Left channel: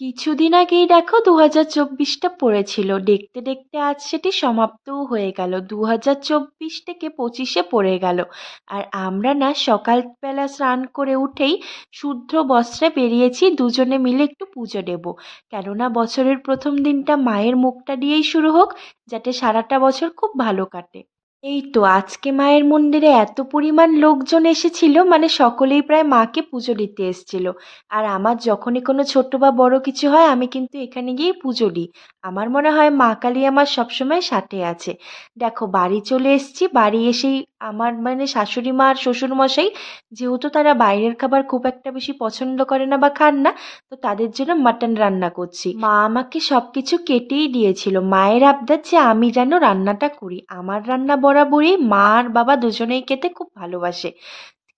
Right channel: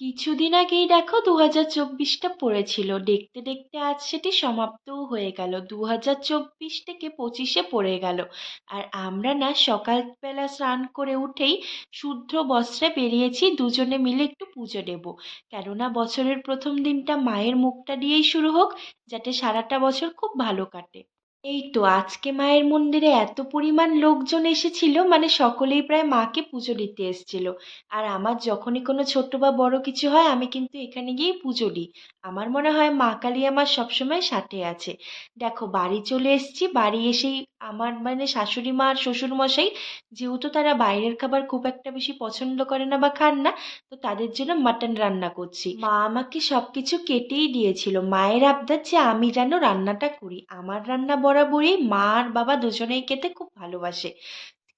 কিছুদিন আগেই দেখো 2024টা পড়েছিল, দেখতে দেখতে আজ সেটি সমাপ্তও হয়ে গেল। 2024 থেকে 25-এ পড়ে গেল। আর আমরা না সকালবেলা স্নান করে উঠেই শুদ্ধ বস্ত্রে বেরিয়েছি দুজনে মিলে একটু পুজো দেব। কেননা বছরের প্রথম দিনটা মায়ের মুখটা দিয়েই শুরু হোক, যাতে সারাটা বছর খুব ভালো কাটে। এই তো আজকে মায়ের মন্দিরে এত পরিমাণ লোকজন এসেছিল, মানে সকলেই প্রায় মাকে পুজো দিতে এসেছিল। আর আমার যখনই কোনো ছোট বা বড় কিছু হয় আমি কিন্তু এখানে গিয়ে পুজো দিই। আমার মনে হয় মা কালী আমার সবসময় সাথে আছে। দেখো বাড়ি চলে এসেছি, বাড়ি এসেই আমার মানে শাশুড়ি মা আর শ্বশুর মশাই, যেহেতু তারা বাইরের খাবার খুব একটা বেশি পছন্দ করে না বা খান না, তো তাদের জন্য মাটন রান্না করছি। মা আমাকে সবকিছু কেটেই দিয়েছিল, মায়ের আবদার যে আমি যেন রান্নাটা করি। আমার রান্না বরাবরই মা আর বাবা দুজনেই খেতে খুব ভালোবাসে।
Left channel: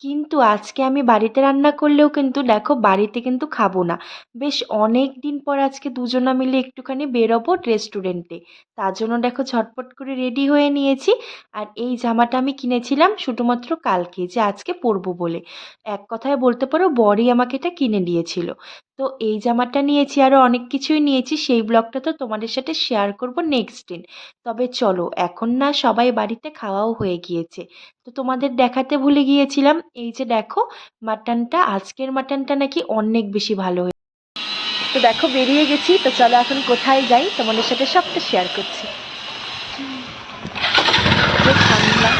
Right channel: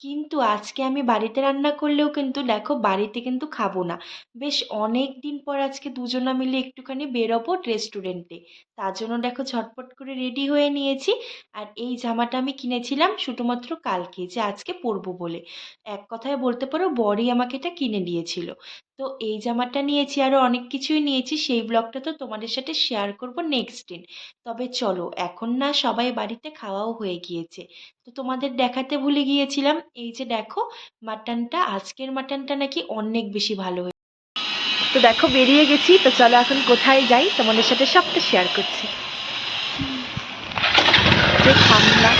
কিন্তু আজকে আমি বাড়িতে রান্না করলেও কিন্তু দেখো বাড়িতে কিন্তু খাবো না। বেশ অনেক দিন পর আজকে দুজনা মিলে একটুখানি বেরোবো রেস্টুরেন্টে। তার জন্য দেখো ঝটপট করে রেডি হয়ে নিয়েছি। আর এই জামাটা আমি কিনেছিলাম শুধুমাত্র কালকে, যে আজকে পরবো বলে। এক কথায় বলতে পারো বরই আমাকে এটা কিনে দিয়েছিল। তো এই জামাটা নিয়েছি, আরও অনেক কিছুই নিয়েছি, সেই ব্লগটা তো তোমাদের সাথে শেয়ার করব নেক্সট দিন। তবে চলো, এখন না সবাই বাড়িতে খাওয়াও হয়ে গিয়েছে, তো তোমাদের দেখাতে ভুলে গিয়েছিলাম। এই যে দেখো মাটনটা, আজকের মাটনটা নাকি অনেক বেশি ভালো হয়েছে। তো দেখো বেরিয়ে গেছি, তো চলো এখন কোথায় যাই তোমাদের সাথে সবটা শেয়ার করছি। যে ঠান্ডা,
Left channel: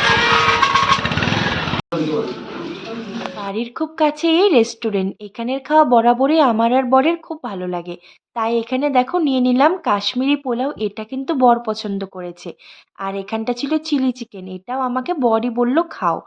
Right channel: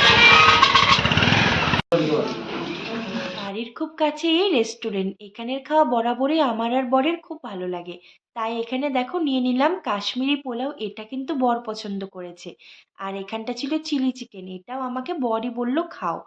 বাড়ির খুব কাছে এই রেস্টুরেন্ট, এখানের খাওয়া বরাবরই আমার আর বরের খুব ভালো লাগে। তাই এখানে দেখো নিয়ে নিলাম কাশ্মীরি পোলাও, এটা কিন্তু বর পছন্দ করেছে। আর এখানটা ছিল চিলি চিকেন, এটাও আমাকে বরই বলল খাও।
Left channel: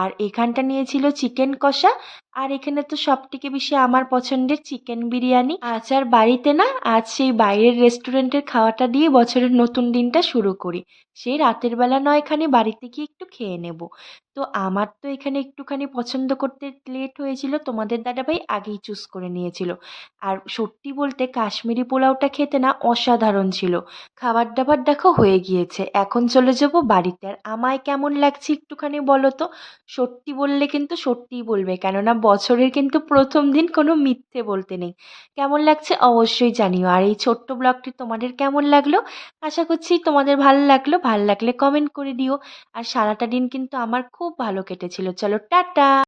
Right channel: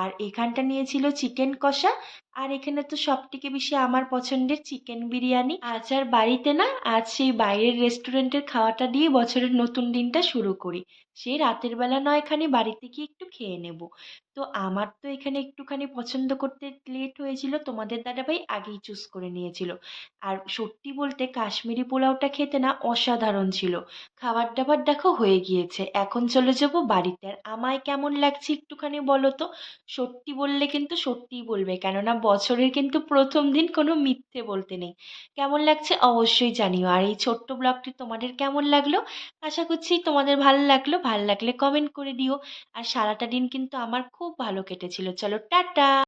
আর এখানটা নিয়েছিল চিকেন কষা। আর এখানে তো সব থেকে বেশি আমার পছন্দের চিকেন বিরিয়ানি। আজ আর বাড়িতে না, আজ সেই বাইরের রেস্টুরেন্টের খাওয়াটা দিয়ে বছরের নতুন দিনটা শুরু করি। সেই রাতের বেলা নয়খানি বাড়িতে গিয়ে একটু খেয়ে নেব। তো আমার তো এখানে একটুখানি পছন্দ করতে লেট হয়েছিল, তোমাদের দাদাভাই আগেই চুজ করে নিয়েছিল। আর সত্যি বলতে কাশ্মীরি পোলাওটা খেতে না অসাধারণ ছিল। খাবার দাবার দেখো হয়ে গিয়েছে, এখন চলে যাব বাড়িতে। আর আমায় কেমন লাগছে একটুখানি বলো তো। সত্যি বললে কিন্তু সত্যিই বলবে, কেননা বছরের কিন্তু প্রথম দিন, কোনো মিথ্যে বলতে নেই। কেমন লাগছে অবশ্যই জানিও। আর এই ছোট্ট ব্লগটি তোমাদের কেমন লাগলো, আশা করছি তোমাদের ভালো লাগলো। ভালো লাগলে কমেন্ট করে দিও। আর সারাটা দিন কিন্তু আমার খুব ভালো কেটেছিল। চলো টাটা।